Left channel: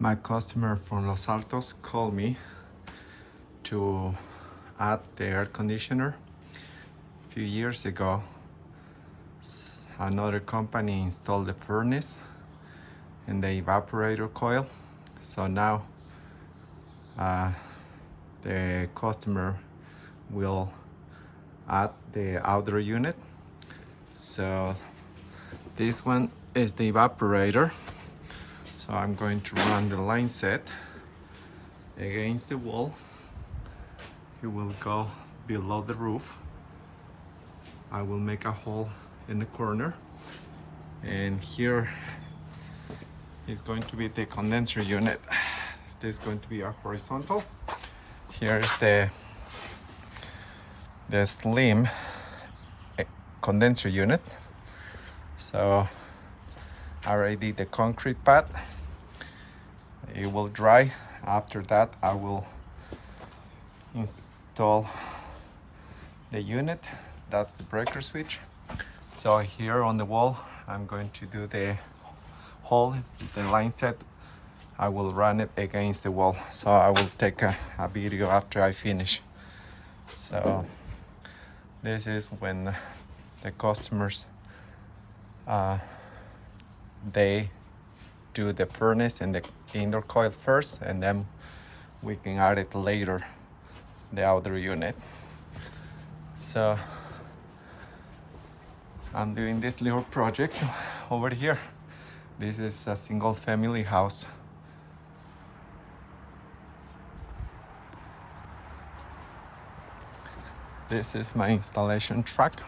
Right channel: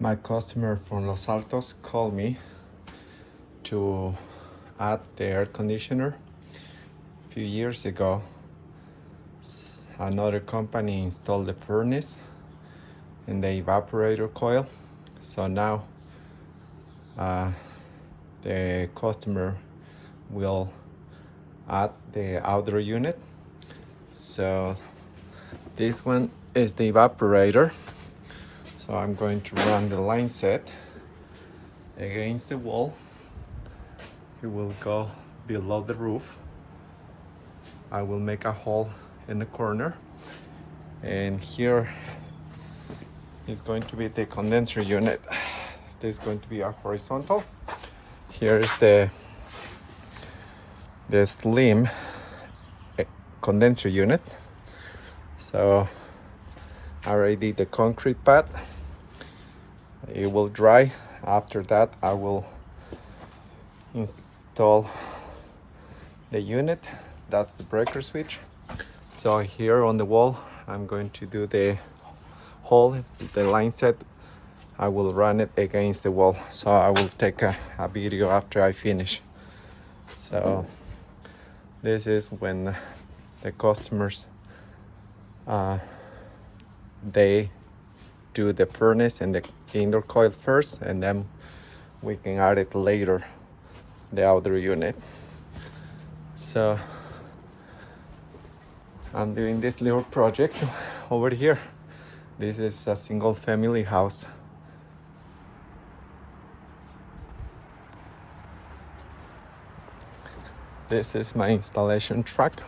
My customer from Los Altos called me to add the air conditioner. A few years ago, another company installed the furnace and the evaporator coil. So now the customer will add the outdoor unit. So this one is the evaporator. So I'm going to run the line set against the wall. It will go below the roof. I will make a hole in the corner, and here is going to be the condenser unit. This is going to be a horizontal. Here is the slim condenser unit. So I already did the concrete pad. It will dry. After that, I will install the unit. That's the breaker switch. So here on the wall, I'm going to do the hole, the line set. I will run it against the wall. So I will take a video after I finish. So this is when the customers they do the furnace and the indoor coil first, and then we can add it later, the outdoor unit. So I'm doing this little project over here. This is a single family house. This is my installation truck.